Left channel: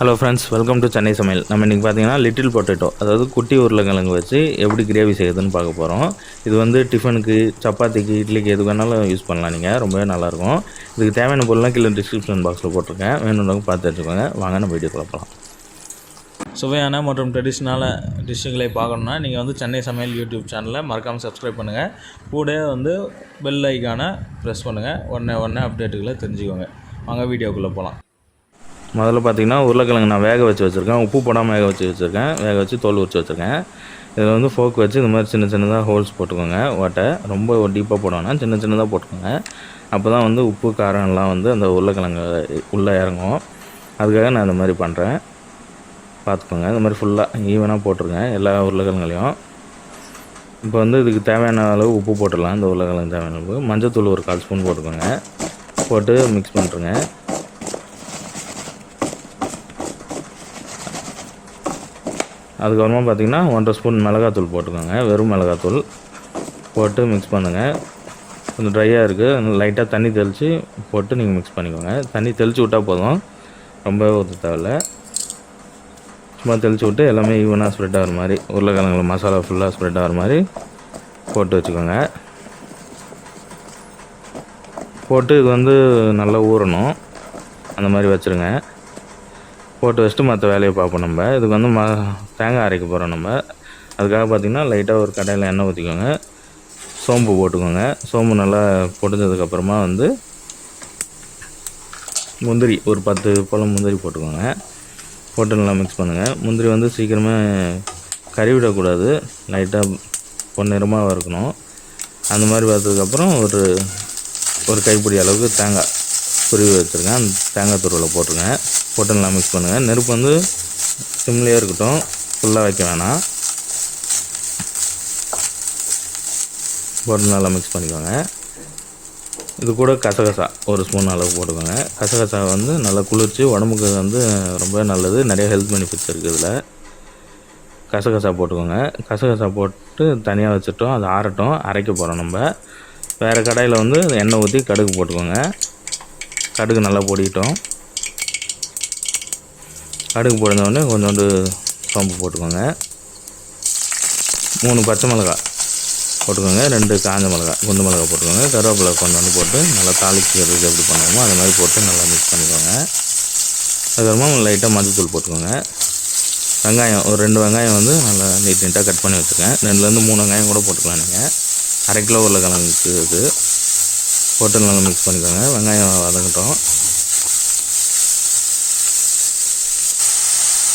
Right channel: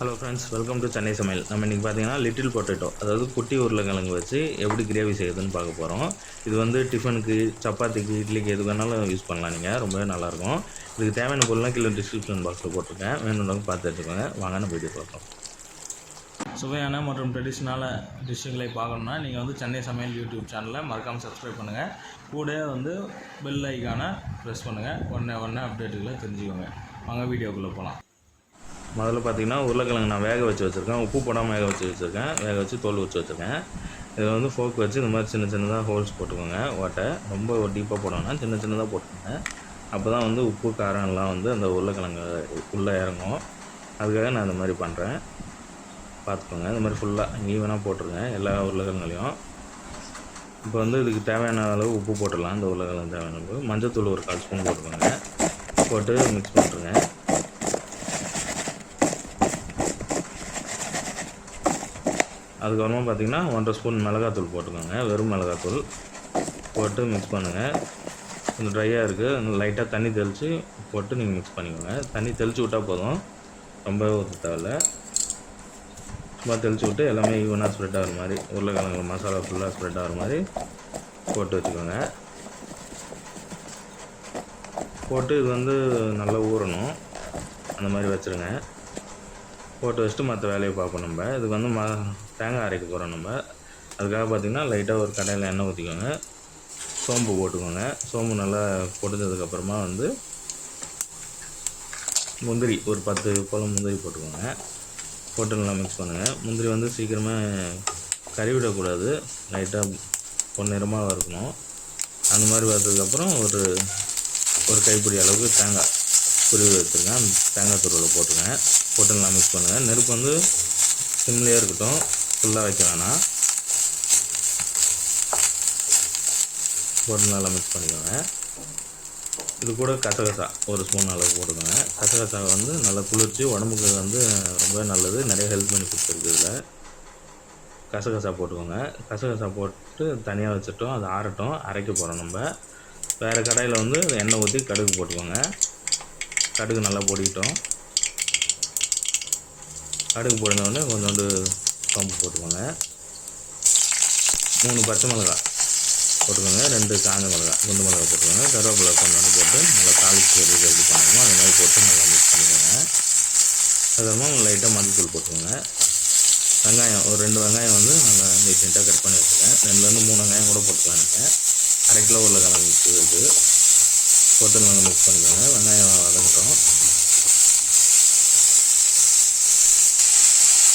Hello friends, welcome to Chennai சமையல். நம்ம இன்றைக்கி பார்த்தீங்கன்னா லிட்டில் பொட்டேட்டோ, அதாவது குட்டி உருளைக்கிழங்கு வச்சு எப்படி கிரேவி செய்யுதுன்னு பார்க்க போகிறோம். இது வந்து டிஃபனுக்கு, சப்பாத்திக்கு, இட்லிக்கு எது வேணாலும் யூஸ் பண்ணலாம். நீங்கள் ரொம்பவே நல்லாயிருக்கும். இதுக்கு தேவையான பொருள்லாம் கீழே டிஸ்கிரிப்ஷன் பாக்ஸில் போட்டிருக்கேன், வேணுன்றவங்க பார்த்து எடுத்துக்கோங்க. வாங்க நம்ம வீடியோ பார்க்கலாம். சுவையான மற்றும் ட்ரெடிஷ்னலான டிஷ்ஷுகளை பார்க்கணுன்னா நீங்கள் வந்து சென்னை சமையல் யூடியூப் சேனலை மறக்காமல் சப்ஸ்கிரைப் பண்ணுங்கள். கூட வந்து பெல் ஐக்கானை ப்ரெஸ் பண்ணுங்கள். உடனே அப்டேட்டுகளை தெரிஞ்சுக்கோங்க. வாங்க வீடியோக்குள்ளே போகலாம். முதல்ல பார்த்திங்கன்னா உருளைக்கிழங்கு நான் வேக வச்சு வச்சுருக்கேன். உப்பு போடாமல் வேக வச்சுருக்கேன். வேக வச்சு தோல் உரிச்சு வச்சுருக்கேன். இதில் வந்து ஃபோக் வச்சு இந்த மாதிரி சின்னதாக ஹோல்ஸ் போட்டுக்கோங்க. ஓட்டை ரொம்ப டீப்பாக போடணும்னா சின்னதாக போட்டுக்கோங்க. அப்போ தான் வந்து உப்பு காரம்லாம் வந்து அந்த உருளைக்கிழங்கு உள்ளே இறங்கும். அதுக்காக நான் இந்த மாதிரி பண்ணுறேன். பார்த்துக்கோங்க. இந்த மாதிரி ஃபுல்லாக ஈவனாக போட்டிருக்கேன் எல்லா உருளைக்கிழங்குலையும். இப்போ வந்து இதுக்கு தேவையான அளவு உப்பு போட்டுடலாம். இந்த உருளைக்கிழங்கு தேவையான அளவு மஞ்சத்தூள் ஒரு 1/4 ஸ்பூன் போட்டுக்கோங்க. போட்டு மிக்ஸ் பண்ணுறேங்க. அதுக்கப்புறமா பார்த்திங்கன்னா 1/2 ஸ்பூன் மிளகாத்தூள் போட்டுக்கோங்க. வெறும் மிளகாத்தூள் போட்டு மிக்ஸ் பண்ணுங்கள். கொஞ்சம் ட்ரையாக இருக்குது, லைட்டாக தண்ணி தெளித்து போட்டு நீங்கள் மிக்ஸ் பண்ணிக்கோங்க. தண்ணி தெளித்து விட்டால் போதும், ரொம்ப ஊற்ற தேவையில்லை. சும்மா தெளித்து விட்டு எல்லாமே ஈவனாக ஸ்ப்ரெட் ஆகிற மாதிரி, உருளைக்கிழங்கு மசாலா ஃபுல்லாக ஸ்ப்ரெட் ஆகிற மாதிரி போட்டு வச்சுக்கோங்க. போட்டு இது வந்து நல்லா ஊறணும், அந்த மாதிரி வச்சுருங்க. போட்டு வச்சுட்டு மற்ற வேலையை பார்ப்போம். நம்ம இதுக்கு வந்து தேங்காய் அரைக்க போகிறோம். நம்ம அதுக்காக பார்த்திங்கன்னா லைட்டாக ஒரு கடாயில் எண்ணெய் ஊற்றிக்கோங்க. சோம்பு போட்டுக்கோங்க. சோம்பு நல்லா பொடிஞ்சதுக்கப்புறமா வந்து முந்திரி ஒரு 10 பழம் முந்திரி போட்டுக்கோங்க. போட்டு நல்லா மிக்ஸ் பண்ணுங்கள். முந்திரி வந்து சீக்கிரமே கறிவிடக்கூடாது, லைட்டாக பொன்னிறமாக வறுக்கணும். அந்த மாதிரி வறுத்ததுக்கப்புறம் ஒரு கைப்பிடி அளவுக்கு தேங்காய் துருவி வச்சுருக்கேன். அந்த தேங்காய் துருவில் போட்டுருங்க. போட்டு நல்லா மிக்ஸ் பண்ணுங்கள். நெருப்பு வந்து சிம்லேயே இருக்கட்டும், ஃபுல்லாக வைக்க வேணாம். போட்டு நல்லா மிக்ஸ் பண்ணிக்கோங்க. இது கூட கசகசா ஒரு ஸ்பூன் அளவு போட்டுக்கோங்க. கசகசா வந்து நல்லா குளிர்ச்சி, உடம்புக்கு வந்து ரொம்ப நல்லது, நிறைய ஹெல்த் பெனிஃபிட்ஸ் இருக்குது இதில். கசகசா போட்டுக்கோங்க. கசகசா போட்டு தனியாக வச்சுட்டோம், அது ஆறட்டும். அரைக்க போகிறோம். நம்ம வேறு கடாயில் வந்து எண்ணெய் ஊற்றி கடுகு போட்டுக்கோங்க. கடுகு நல்லா பொடிக்கிட்டோம். கடுகு பொடிஞ்சோடனே கொஞ்சோண்டு சோம்பு போட்டுக்கோங்க. 3 பச்சை மிளகாய் போட்டுக்கோங்க. 2 காஞ்ச மிளகாய், குண்டு மிளகாய் போட்டுக்கோங்க. கருவேப்பிலை கொஞ்சோண்டு போட்டு நல்லா தாளிக்கிறதுக்கு எப்படி பண்ணுவோமோ அது மாதிரி போட்டு நல்லா மிக்ஸ் பண்ணிக்கோங்க. அதுக்கப்புறமா லைட்டாக மஞ்சத்தூள் போட்டுக்கோங்க. வெங்காயம் ஒரு 2 வெங்காயம் வந்து நல்லா நீட்டாக கட் பண்ணி வச்சுருக்கேன். 2லேருந்து 3 வெங்காயம் கூட போட்டுக்கலாம். நீங்கள் 1/2 கிலோ உருளைக்கிழங்குக்கு இது போட்டு நல்லா மிக்ஸ் பண்ணிக்கோங்க. வெங்காயம் வதங்கட்டும்.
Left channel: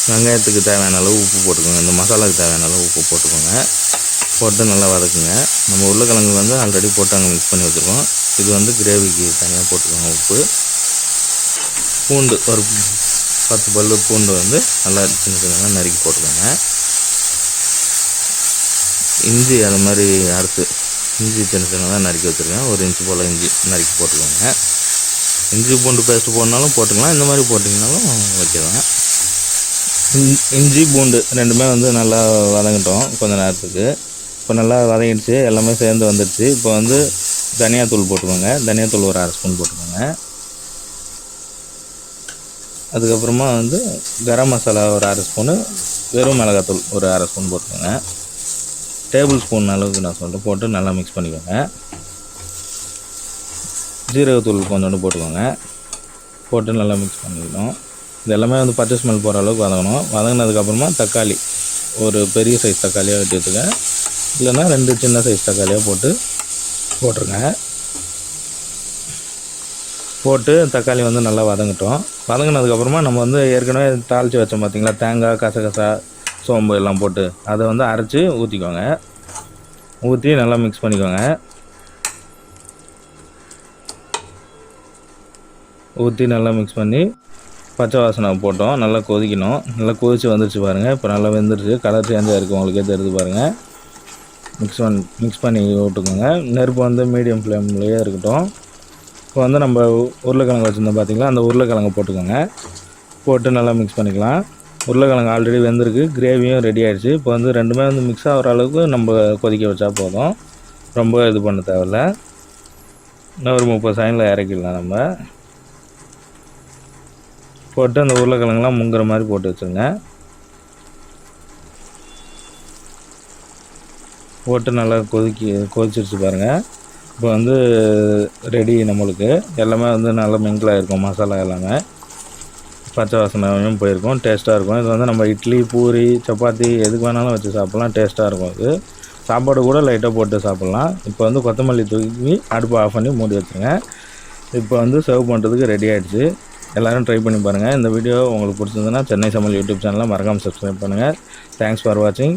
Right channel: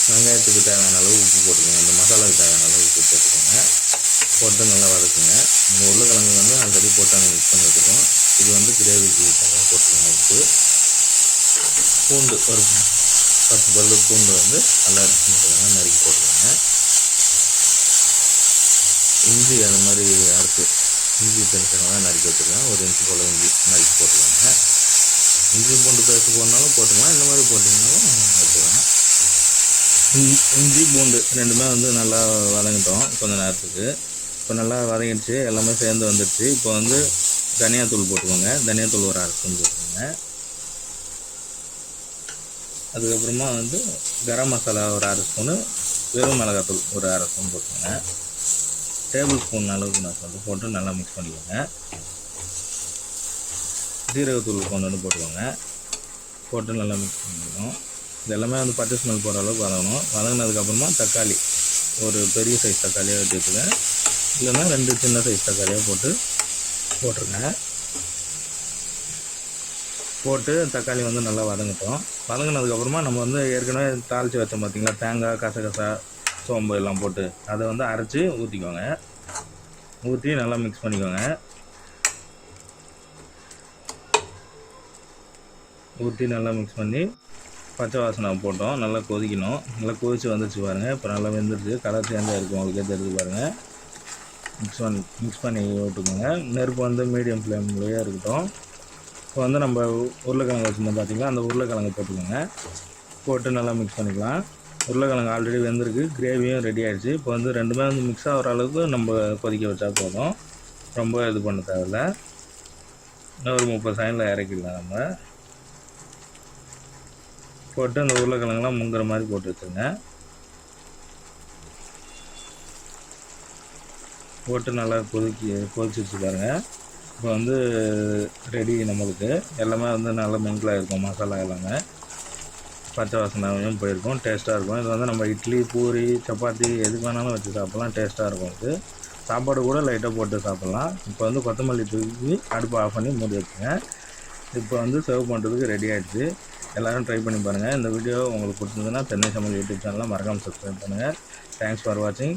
வெங்காயத்துக்கு தேவையான அளவு உப்பு போட்டுக்கோங்க. இந்த மசாலாவுக்கு தேவையான அளவு உப்பு போட்டுக்கோங்க. போட்டு நல்லா வதக்குங்க. நம்ம உருளைக்கிழங்கு வந்து ஆல்ரெடி போட்டு அங்கே மிக்ஸ் பண்ணி வச்சுருக்கோம். இது வந்து கிரேவிக்கு தனியாக போட்டுக்கோங்க உப்பு. பூண்டு ஒரு 10 பல்லு பூண்டு வந்து நல்லா சின்ன நறுக்கி போட்டுக்கோங்க. இஞ்சி அது மாதிரி அறுத்து இஞ்சி சின்னதாக நறுக்கி வச்சுருக்கேன். 1 இன்ச்சு போல் இஞ்சி நறுக்கி போட்டுக்கோங்க. இஞ்சி பூண்டு பேஸ்ட்டு போடனாலும் போட்டுக்கலாம், இந்த மாதிரி போட்டிங்கனாலும் வைக்கலாம். இஞ்சி பூண்டு ரெண்டுமே வந்து நல்லா வதங்கட்டும் கொஞ்சம் நேரத்துக்கு. இப்போ நல்லா வதங்கிடுச்சு, எல்லாமே சேர்ந்து வந்துடுச்சு. இப்போ வந்து தனியாத்தூள் போட்டுக்கோங்க. தனியாத்தூள் ஒரு 1/2 ஸ்பூன் போட்டுக்கோங்க. அதுக்கப்புறமா வந்து கரம் மசாலா ஒரு 1/2 ஸ்பூனு, வெறும் மிளகாத்தூள் ஒரு 1/2 ஸ்பூன் போட்டுக்கோங்க. டேபிள் ஸ்பூன் அளவுக்கு நான் சொல்லிட்டு போட்டு நல்லா மிக்ஸ் பண்ணிக்கோங்க. ஜீரகத்தூள் கொஞ்சோண்டு போட்டுக்கோங்க. போட்டு நல்லா மிக்ஸ் பண்ணிக்கணும். இது எல்லாமே வந்து பச்சை ஸ்மெல் போகிற அளவுக்கு வதங்கணும். வதங்கினதுக்கப்புறமா தக்காளி ஒரு பெரிய சைஸ் தக்காளியாக வெட்டி வச்சுக்கேன், இல்லைன்னா 2 சின்ன சைஸ் தக்காளியாக போட்டுருங்க. போட்டு தக்காளி வந்து நல்லா வதங்கட்டும். வதங்கினதுக்கப்புறமா நம்ம வந்து ஏற்கனவே தாளித்து வச்சோம் பார்த்திங்களா, தேங்காய், கசகசா, சோம்பு எல்லாம் போட்டு அதை வந்து அரைச்சி ஊற்றிக்கோங்க. ஊற்றி நல்லா மிக்ஸ் பண்ணிக்கோங்க. ஊற்றி நல்லா மிக்ஸ் பண்ணி பச்சை வாசனை போட்டோம். நல்லா கொதிக்கணும். நல்லா கொதித்து வந்துடுச்சு பாருங்கள். இப்போ நல்லா வெந்துடுச்சு, கலர் சேஞ்சாக இருக்குது, உங்களுக்கே தெரியுது பாருங்கள். மிக்ஸ் பண்ணி விட்டுக்கோங்க. நெருப்பு வந்து மீடியம் ஃப்ளேம்லேயே இருக்கட்டும். இப்போ வந்து நம்ம உருளைக்கிழங்கு வச்சுருந்தோம் பார்த்திங்களா, அந்த உருளைக்கிழங்கு போட்டுக்கோங்க. போட்டு நல்லா மிக்ஸ் பண்ணிக்கலாம். உருளைக்கிழங்கு ஆல்ரெடி வெந்திருக்கு, கிரேவியும் ரெடி ஆகிடுச்சு. இப்போ வந்து ரெண்டுமே வந்து மிக்ஸ் ஆகிற அளவுக்கு நம்ம கொதிக்க வச்சா போதும், ரொம்ப இது பண்ண தேவையில்ல. இன்னும் ஒரு 30 செகண்டில் இறக்கிடலாம். நம்ம போட்டு அந்த உருளைக்கிழங்குலாம் முங்குற மாதிரி போட்டு வச்சுருங்க. போட்டு நல்லா கொதிச்சிருச்சு பாருங்கள். இப்போ வந்து ரெடி நம்மளுக்கு. எல்லாமே வந்து நல்லா மிங்கிளாக இருக்கும், மசாலா எல்லாமே பச்சை வாசனையும் போயிருக்கும், டேஸ்ட்டாக இருக்கும். இது வந்து நம்ம இட்லி, பூரி, சப்பாத்தி எதுக்கு வேணாலும் வச்சு சாப்பிட்லாம், டேஸ்ட்டாக இருக்கும். இது சாப்பாடு கூட லைட்டாக போட்டு சாப்பிட்லாம். இப்போ வந்து கொத்தமல்லி தூக்கி அடுப்பை ஆஃப் பண்ணி மூடி வச்சுருங்க. இப்போ வந்து சர்வ் பண்ணுறதுக்கு ரெடி ஆகிடுச்சு. எல்லோரும் ட்ரை பண்ணி பாருங்கள். இந்த வீடியோ உங்களுக்கு பிடிச்சிருந்ததுன்னா சென்னை சமையல் யூடியூப் சேனலை மறக்காமல் சப்ஸ்கிரைப் பண்ணுங்கள். தேங்க்ஸ் ஃபார் வாட்சிங்.